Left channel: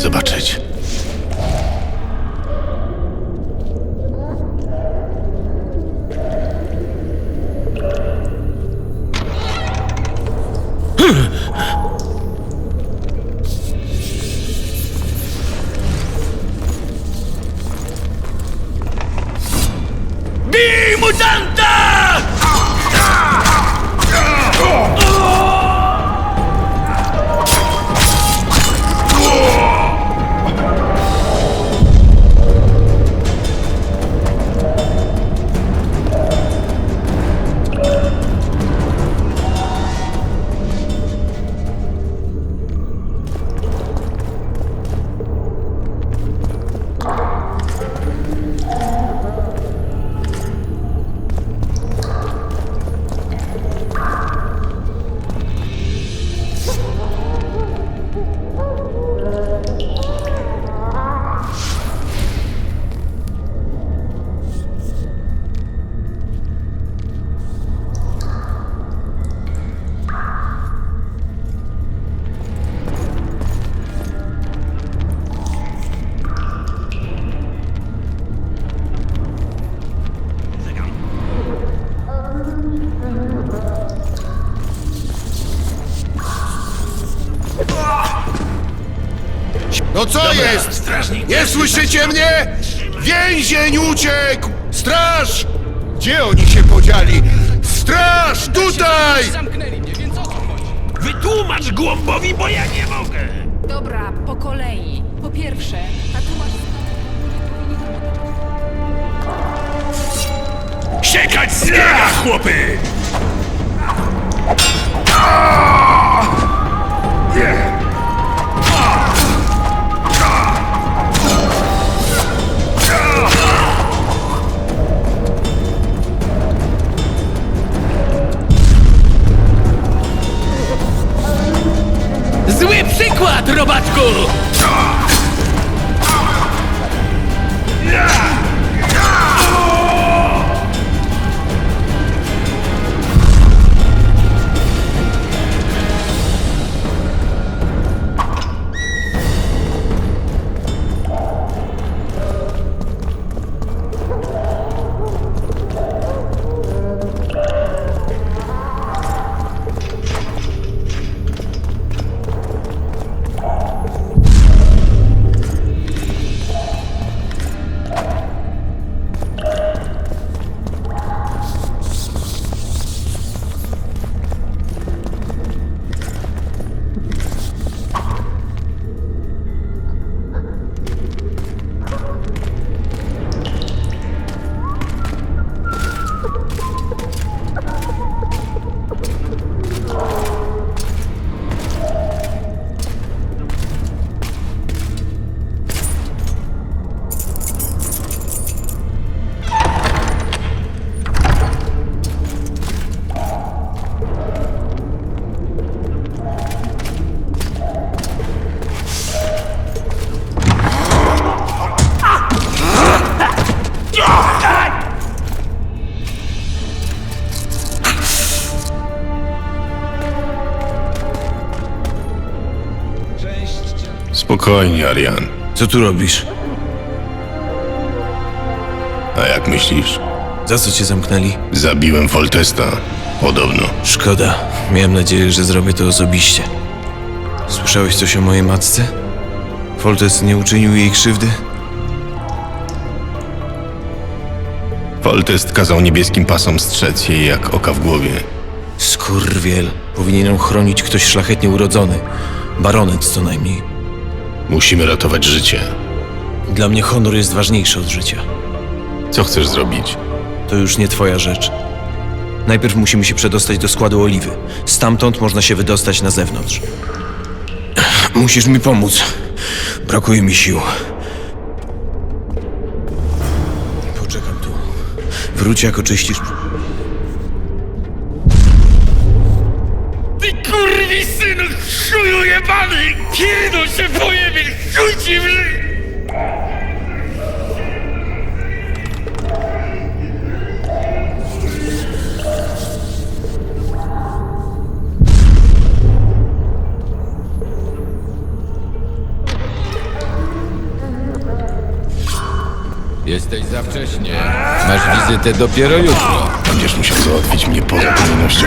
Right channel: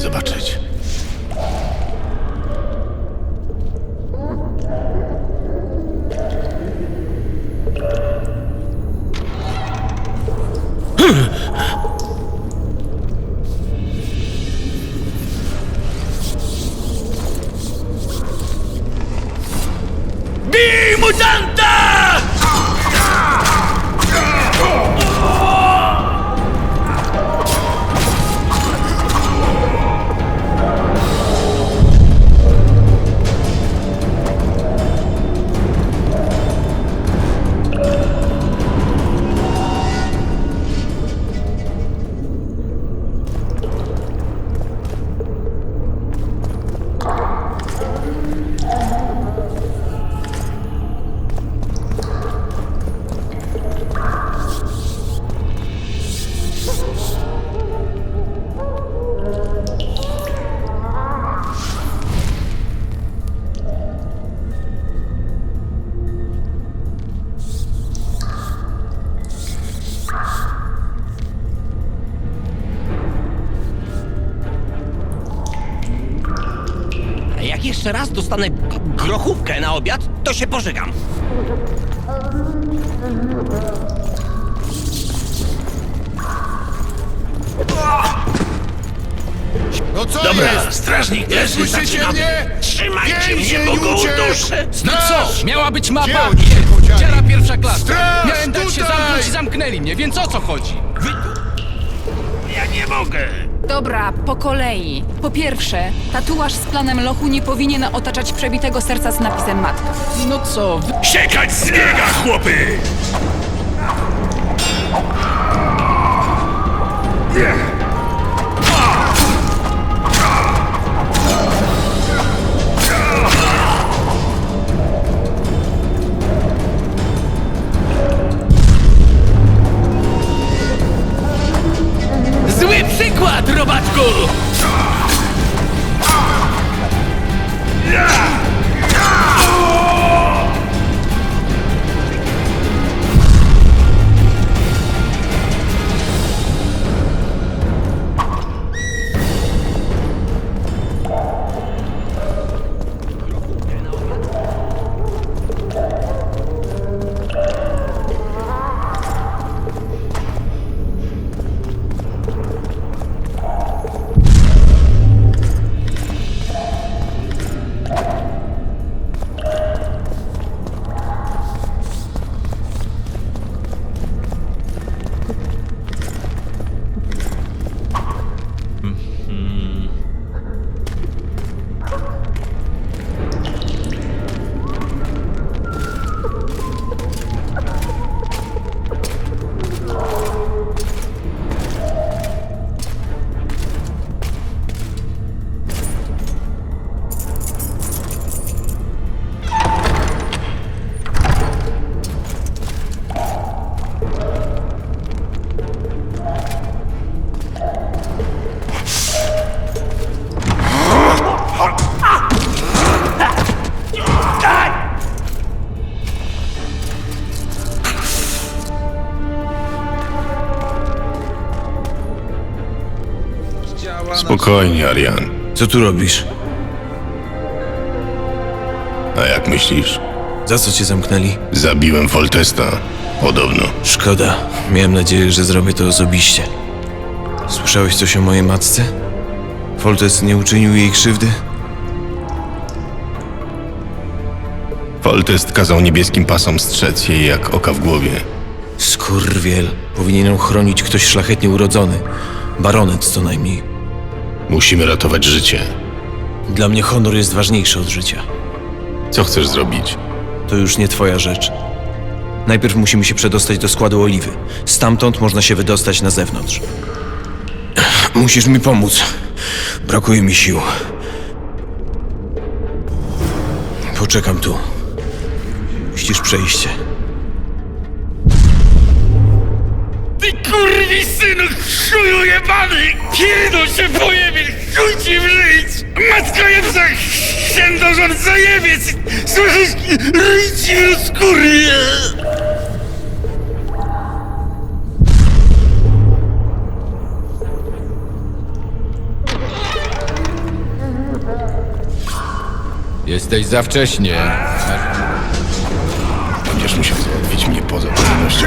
zobaczyć. Dostanę grochówkę na obiad, to się pożygam. No co Dobra, jest? strażnik. Nie słyszycie mnie? Więzień uciekł! Straż! Miała być mapa! Gdzie oni się podzieli? Dzielna pierwsza klasa. Straż, się tutaj! i Zamknęli mnie, więc o co chodzi? Wytłumacz Głąbowi, bo ja nie mogę! Dobra, po kolei. Po pierwsze, tatuaż z planem lochu nie powinien otaczać przebitego serca z napisem matki. No co. Siekać z biega, chłopy! Spokojnie, Arian. Co tu robisz? A jak myślisz? Za co cię zamknęli? Zabiłem Foltesta. Podobno. Szkoda. Miałem nadzieję, że zrobię to osobiście. Słyszałeś coś o mojej matce? Foltest nie uczynił jej krzywdy? Foltest kazał niebieskim pasom strzec jej jak oka w głowie. Skurwiel. Powinien ją chronić ktoś szlachetnie urodzony. Baronet co najmniej. Musimy ratować życie. Dla mnie honor jest ważniejszy od życia. Co chcesz zrobić? To już nie twoja rzecz. Najpierw musimy się przedostać do składu oliwy. Stamtąd można się wydostać na zewnątrz. Musisz mi pomóc. Brakuje mi sił. Poczekam tu. Wróć, jak oczyścisz przejście. mi synu, chuju jebany! Kiedy się pojebie, chuj ci w żyć! Matka jebca, księdożon zajebiec! Słyszysz, ryj ci! Jesteś za wcześnie. Masz wizytę dopiero jutro. Będziesz musiał załatwić mnie poza kolejnością.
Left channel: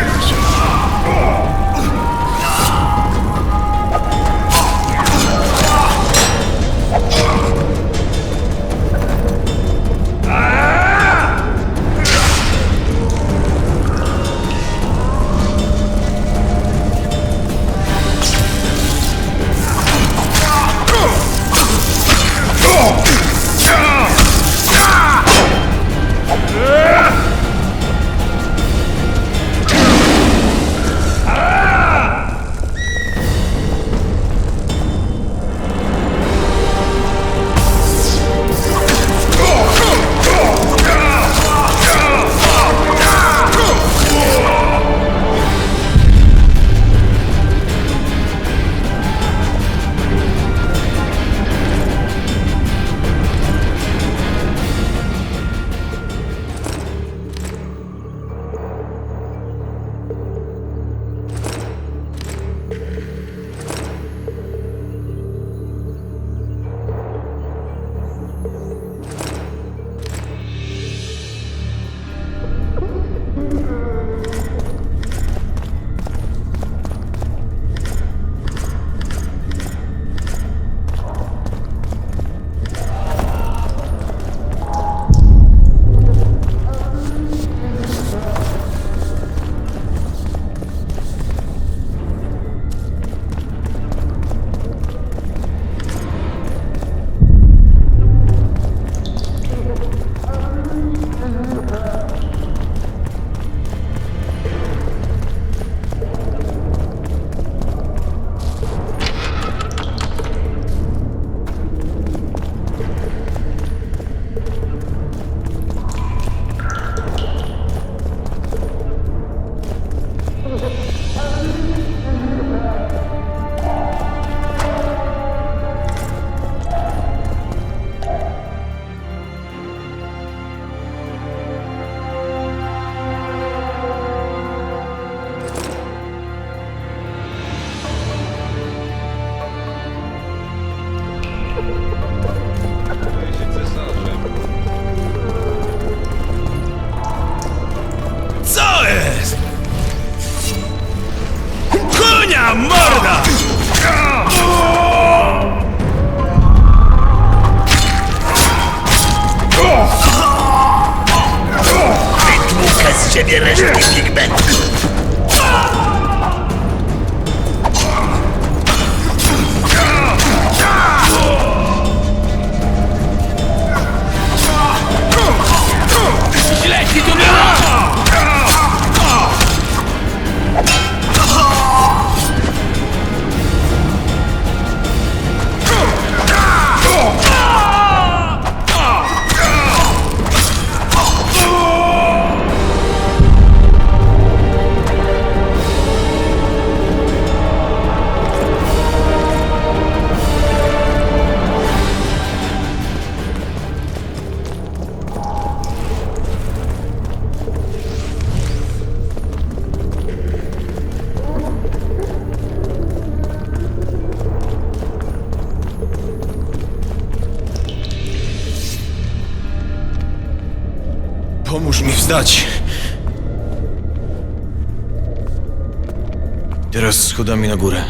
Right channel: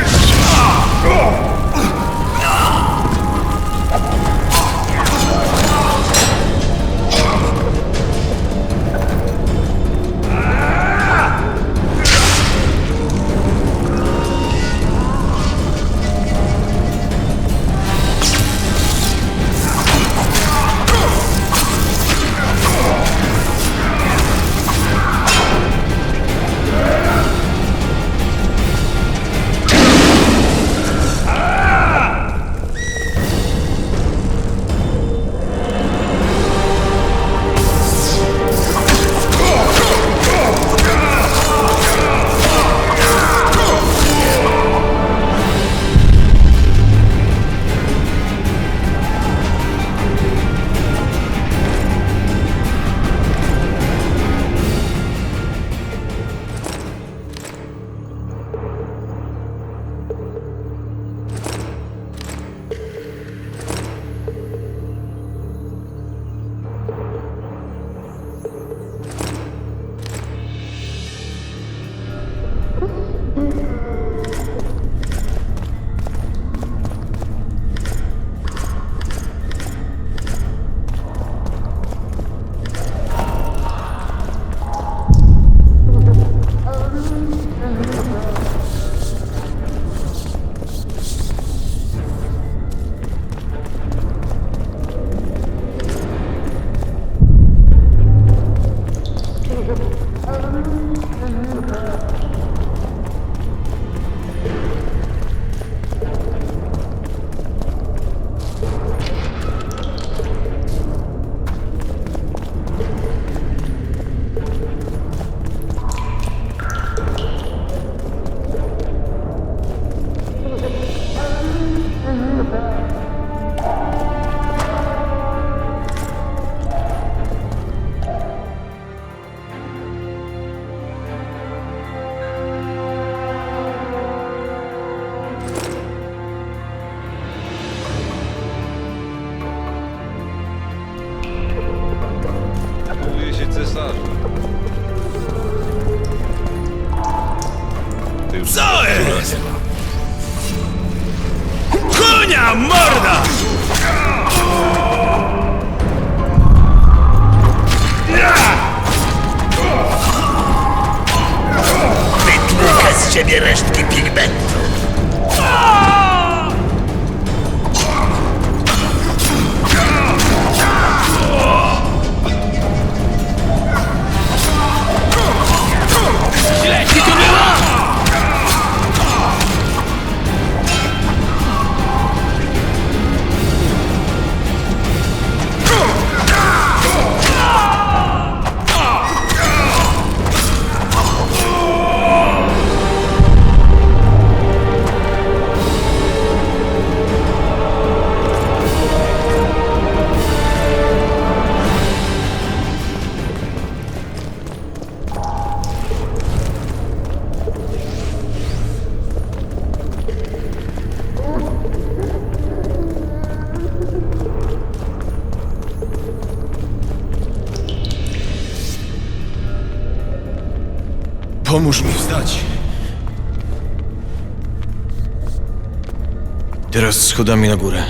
Schodami na górę.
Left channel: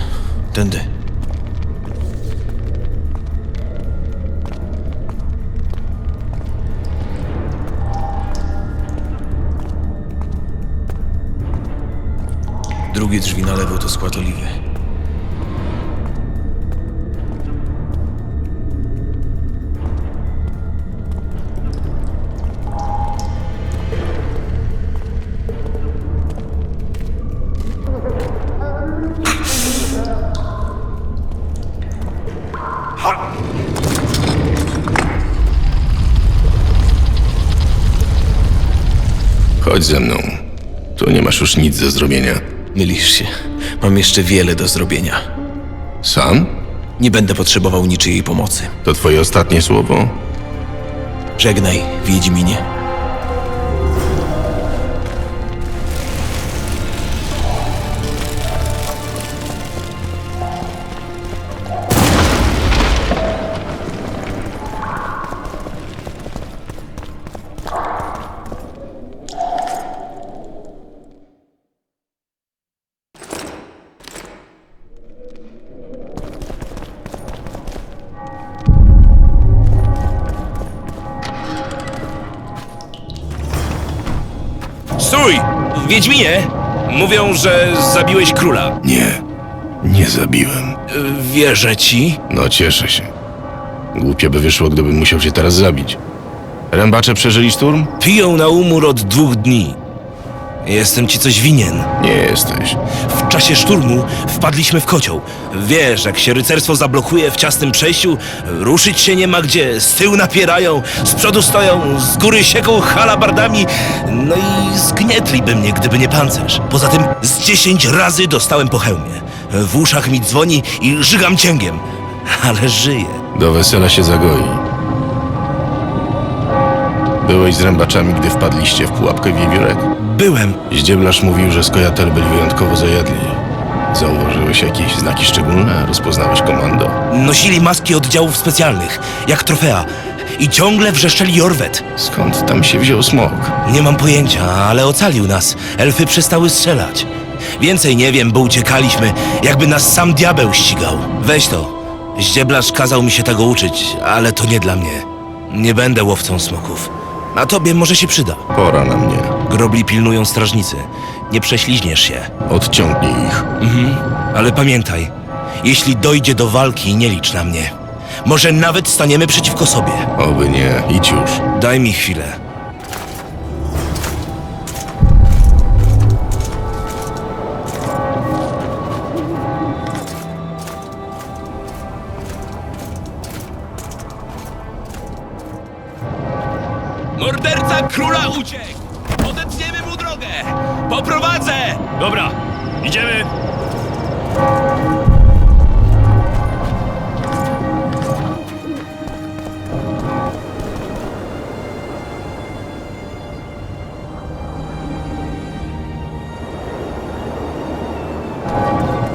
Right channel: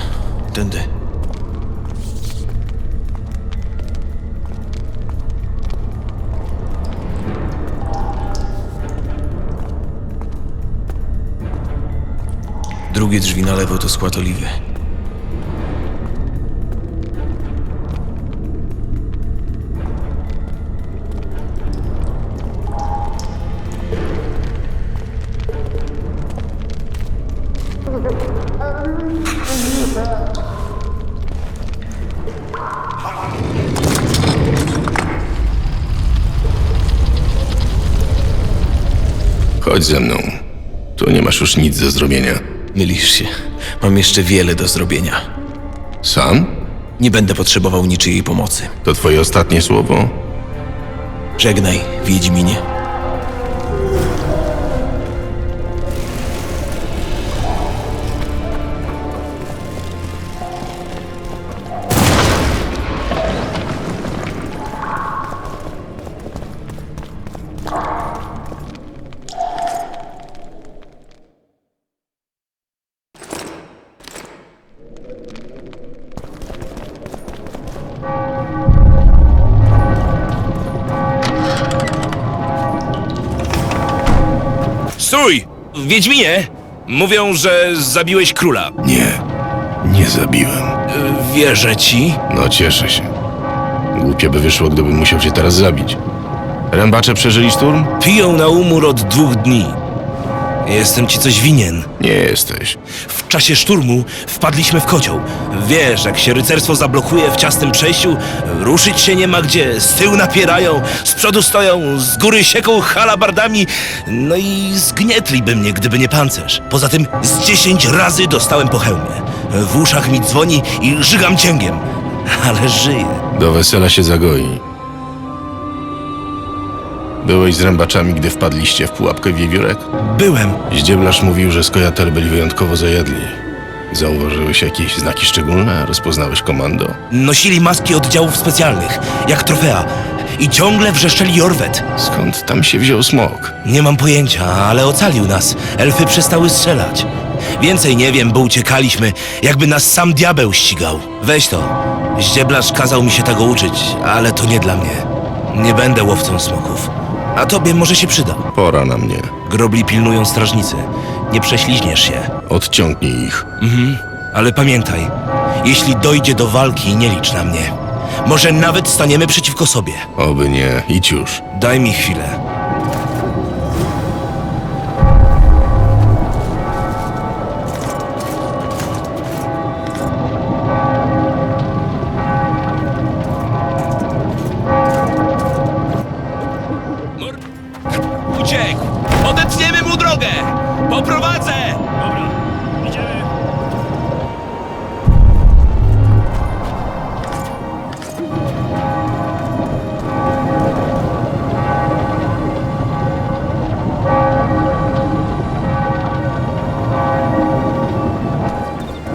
Tędy. Drugie drzwi na lewo to skład oliwy. Chodź ze mną. Tu nie masz już nic do zrobienia. Mylisz się. Mam jeszcze wiele do zrobienia. Sam? Nie będę potrzebował niczyjej pomocy. To twoje ostatnie słowo? Żegnaj, Wiedźminie. Wiedźminie! Mówią, że zabiłeś króla. Nie, nie zabiłem. Y, Wierzę ci. No cieszę się. Głupio by wyszło, gdybym musiał cię teraz zabić. Rębacze przeżyli szturm? Piją na umór od dwóch dni. Jestem ci coś winien. Nie jesteś. W czasie szturmu wpadliśmy w kocioł. Wiesz, jak się rycerstwo zablokuje w ciasnym przejściu, ruszyć się nie ma gdzie, z tyłu napierają, z przodu stoją, z góry sieką halabardami, no i zgnietliby mnie, gdyby nie pancerz. Poza tym z dziesięć razy dostałem po hełmie. W uszach mi dzwoni i żygam cięgiem, ale żyję. Do wesela się zagoi. Byłeś z rębaczami, gdy wpadliście w pułapkę wiewiórek? Byłem. Zdzieblarz mówił, że skojatel byli wyjątkowo zajadli. Zauważyłeś jakieś znaki szczególne? Rozpoznałeś komando? Nosili maski oddziałów specjalnych, jak trofea. I ciągle wrzeszczeli Jorwet. Skąd tam się wziął smok? Nie mam pojęcia, ale ocalił nas. Elfy przestały strzelać. Więcej nie wiem, bo uciekaliśmy, jakby nas sam diabeł ścigał. Weź to. Ździeblarz kazał mi się tego uczyć, ale to nie dla mnie. Nie będę łowcą smoków. A tobie może się przyda. Pora na mnie. Grobli pilnują strażnicy. Nie prześliźniesz się. Odciągnij ich. Ale pamiętaj, jeśli dojdzie do walki, nie licz na mnie. Może nawet staniemy przeciwko sobie. Oby nie. Idź już. Daj mi chwilę.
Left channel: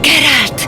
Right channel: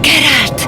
Geralt,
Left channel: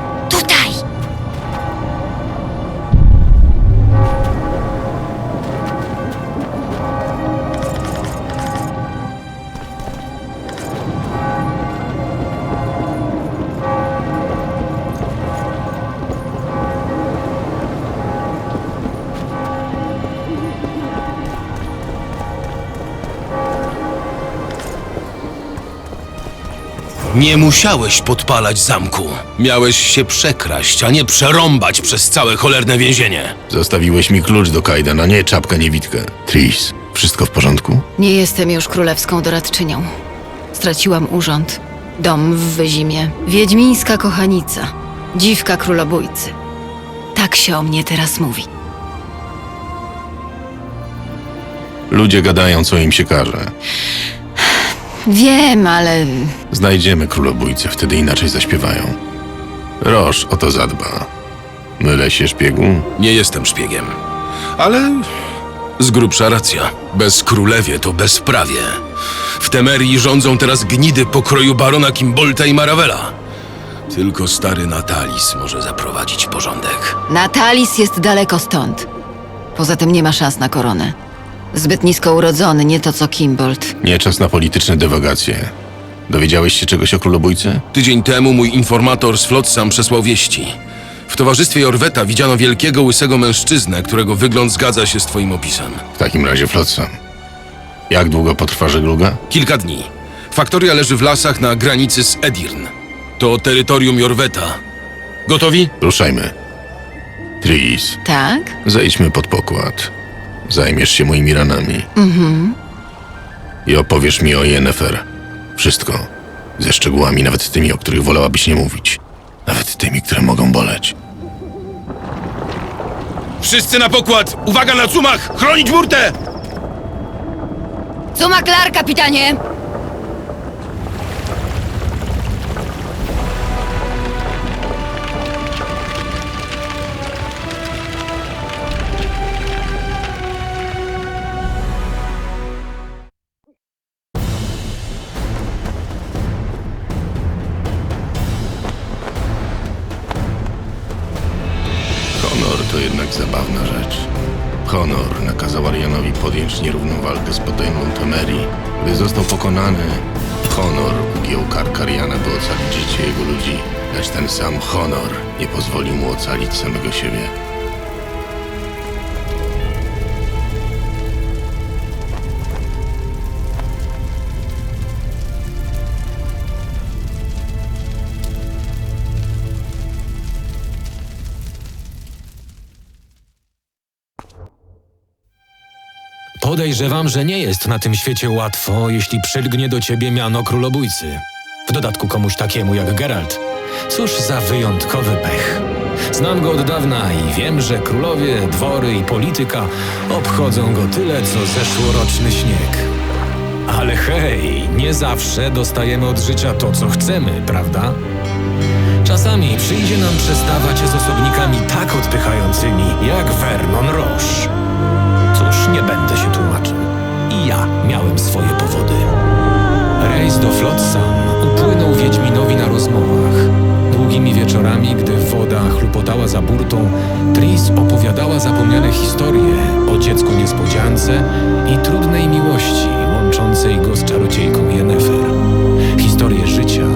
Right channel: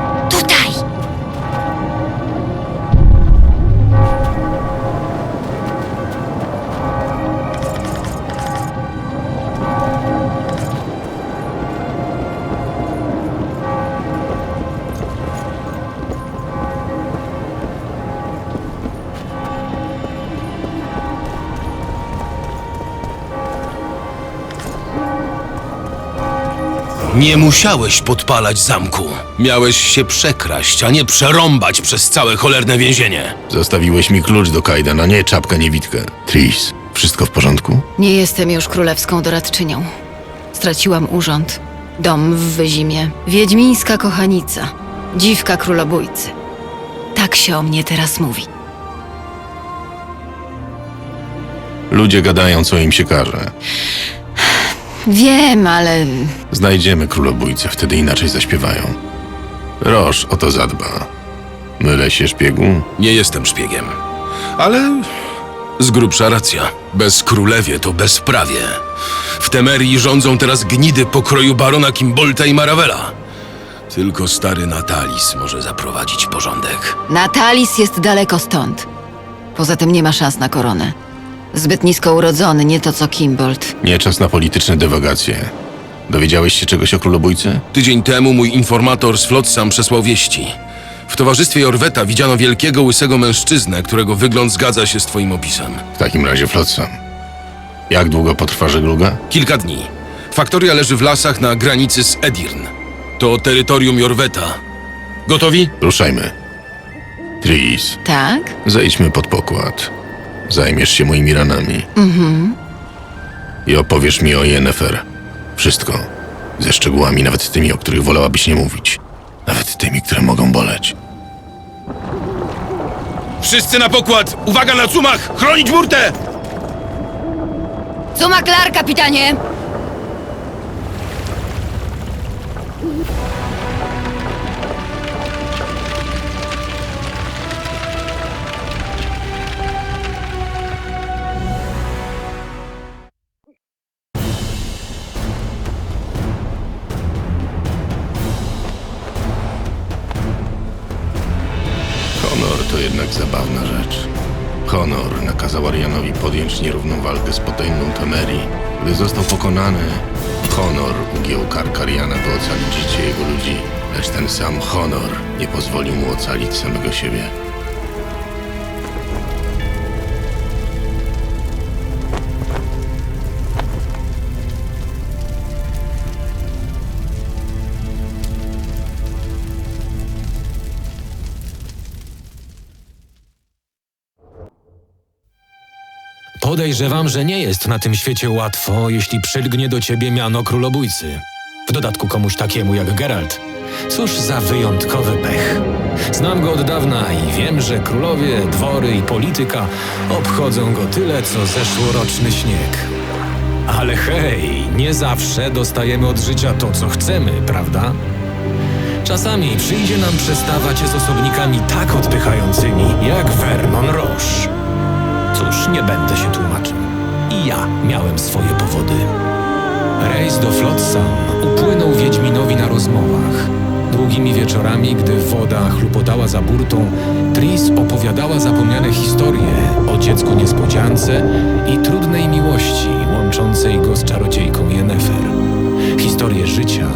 Nie musiałeś podpalać zamku. Miałeś się przekraść, a nie przerąbać przez całe cholerne więzienie. Zostawiłeś mi klucz do Kajdana, nie czapkę, niewidkę. Tris, wszystko w porządku? Nie jestem już królewską doradczynią. Straciłam urząd, dom w Wyzimie, wiedźmińska kochanica, dziwka królobójcy. Tak się o mnie teraz mówi. Ludzie gadają, co im się każe. Wiem, ale Znajdziemy królobójcę, wtedy inaczej zaśpiewają. Roż o to zadba. Mylę się, szpiegu? Nie jestem szpiegiem. Ale z grubsza racja. Bez królewie to bezprawie. W Temerii rządzą teraz gnidy pokroju barona Kimbolta i Marawela. Tylko stary Natalis może zaprowadzić porządek. Natalis jest daleko stąd. Poza tym nie ma szans na koronę. Zbyt nisko urodzony, nie to co Kimbold. Nie czas na polityczne dywagacje. Dowiedziałeś się czegoś o królobójcy? Tydzień temu mój informator z Flotsam przesłał wieści. W towarzystwie Jorweta widziano wielkiego, łysego mężczyznę, którego wygląd zgadza się z twoim opisem. W takim razie Flotsam. Jak długo potrwa żegluga? Kilka dni. Faktoria leży w lasach na granicy z Edirn. To terytorium Jorweta. Gotowi? Ruszajmy. Tris, Tak? zejdźmy pod pokład. Zajmiesz się moimi ranami. Mhm. I opowiesz mi o Yennefer. Wszystko. Ze szczegółami, nawet tymi, o których wolałabyś nie mówić. Nawet tymi, które mogą boleć. Wszyscy na pokład! Uwaga na cumach! Chronić burtę! Suma klar, kapitanie! Zabawna rzecz. Honor nakazał Arianowi podjąć nierówną walkę z potęgą Temerii. Gdy został pokonany, Honor ugiął kark Ariana, by ocalić życie jego ludzi. Lecz ten sam Honor nie pozwolił mu ocalić samego siebie. Podejrzewam, że nie jest na tym świecie łatwo, jeśli przylgnie do ciebie miano królobójcy. W dodatku komuś takiemu jak Geralt. Cóż za wyjątkowy pech. Znam go od dawna i wiem, że królowie, dwory i polityka obchodzą go tyle, co zeszłoroczny śnieg. Ale hej, nie zawsze dostajemy od życia to, co chcemy, prawda? Czasami przyjdzie nam przestawać z osobnikami tak odpychającymi, jak Vernon Roche. Cóż, nie będę się tłumaczył. I ja miałem swoje powody. Rejs do Flotsam upłynął Wiedźminowi na rozmowach. Długimi wieczorami, gdy woda chlupotała za burtą, Tris opowiadała zapomniane historie o dziecku niespodziance i trudnej miłości łączącej go z czarodziejką Yennefer. Historie życia,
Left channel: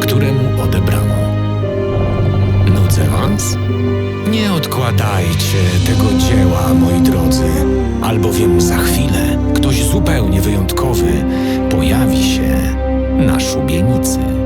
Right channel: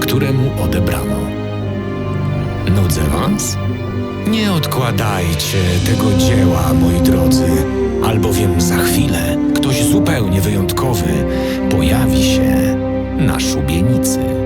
któremu odebrano. Nudzę was? Nie odkładajcie tego dzieła, moi drodzy, albowiem za chwilę ktoś zupełnie wyjątkowy pojawi się na szubienicy.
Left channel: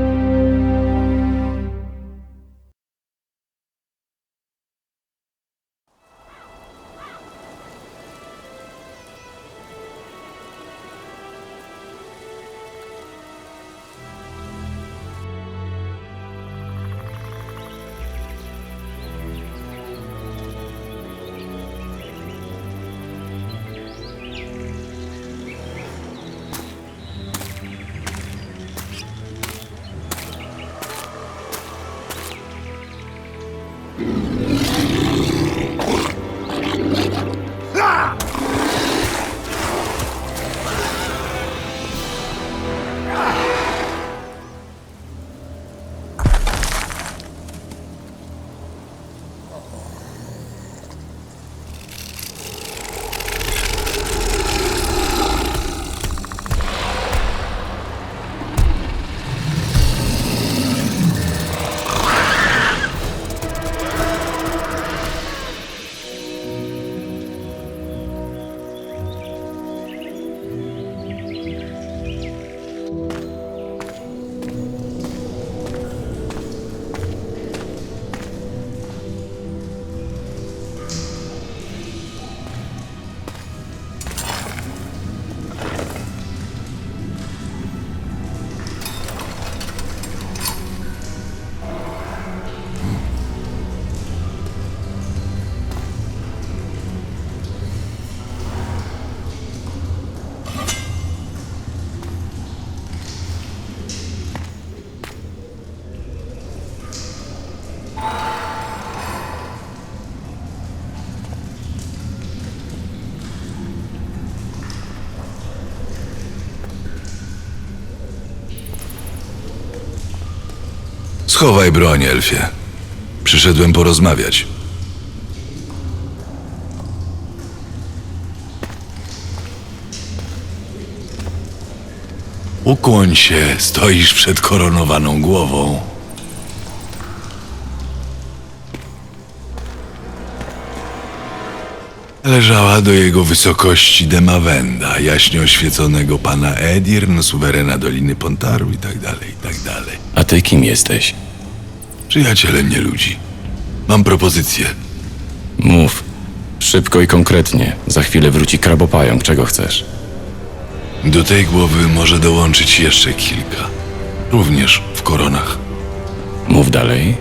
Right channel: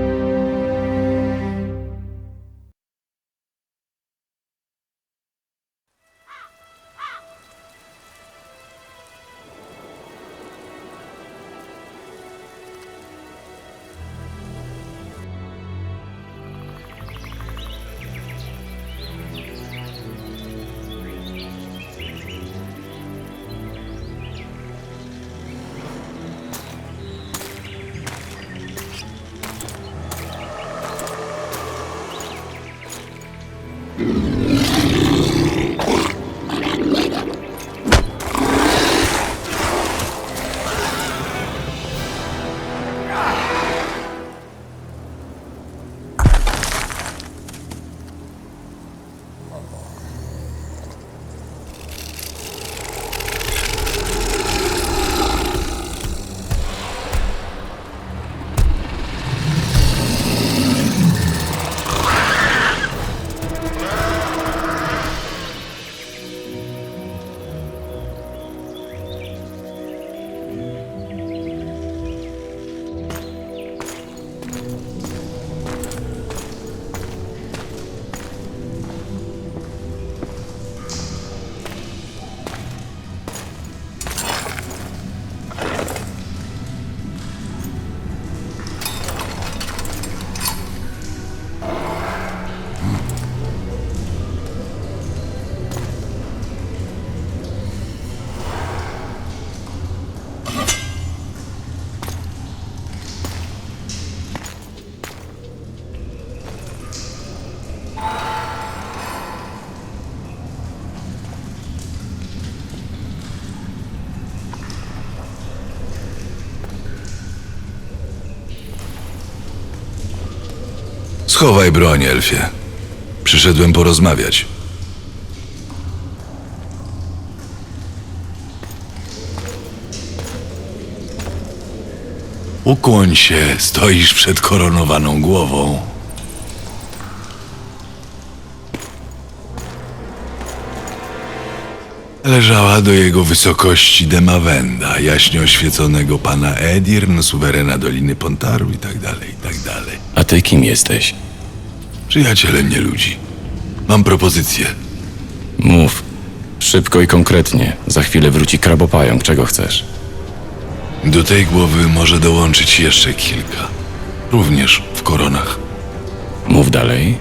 Schowaj broń, Elfie. Przyszedłem porozmawiać. Ukłoń się, stoisz przed koronowaną głową. Leżała do jego wysokości Demawenda, jaśnie oświeconego pana Edirn, suwerena Doliny Pontaru i tak dalej, i tak dalej. A ty kim jesteś? Przyjacielem nie ludzi. Mam propozycję. Mów. Szybko i konkretnie. Za chwilę wróci krabopająk. Czego chcesz? Do tej głowy może dołączyć jeszcze kilka. Również w koronach. Mów dalej.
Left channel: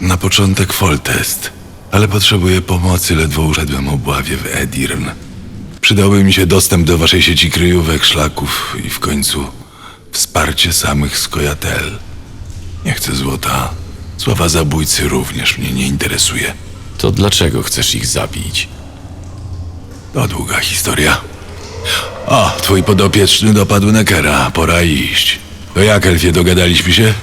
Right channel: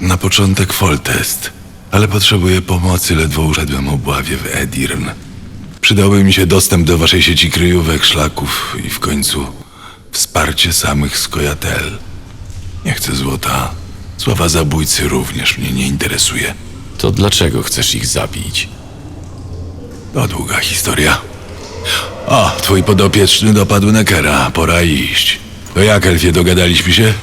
Na początek Foltest, ale potrzebuję pomocy, ledwo uszedłem obławie w Edirn. Przydałby mi się dostęp do waszej sieci kryjówek, szlaków i w końcu wsparcie samych skojatel. Nie chcę złota. Sława zabójcy również mnie nie interesuje. To dlaczego chcesz ich zabić? To długa historia. O, twój podopieczny dopadł Nekera. Pora iść. To jak, Elfie, dogadaliśmy się?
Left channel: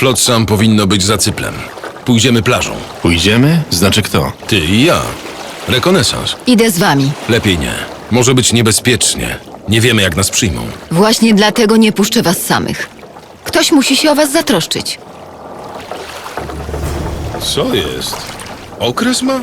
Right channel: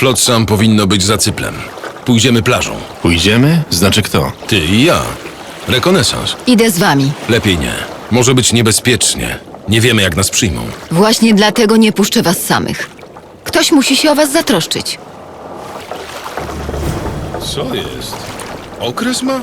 Flotsam powinno być za cyplem. Pójdziemy plażą. Pójdziemy? Znaczy kto? Ty i ja. Rekonesans. Idę z wami. Lepiej nie. Może być niebezpiecznie. Nie wiemy, jak nas przyjmą. Właśnie dlatego nie puszczę was samych. Ktoś musi się o was zatroszczyć. Co jest? Okres ma?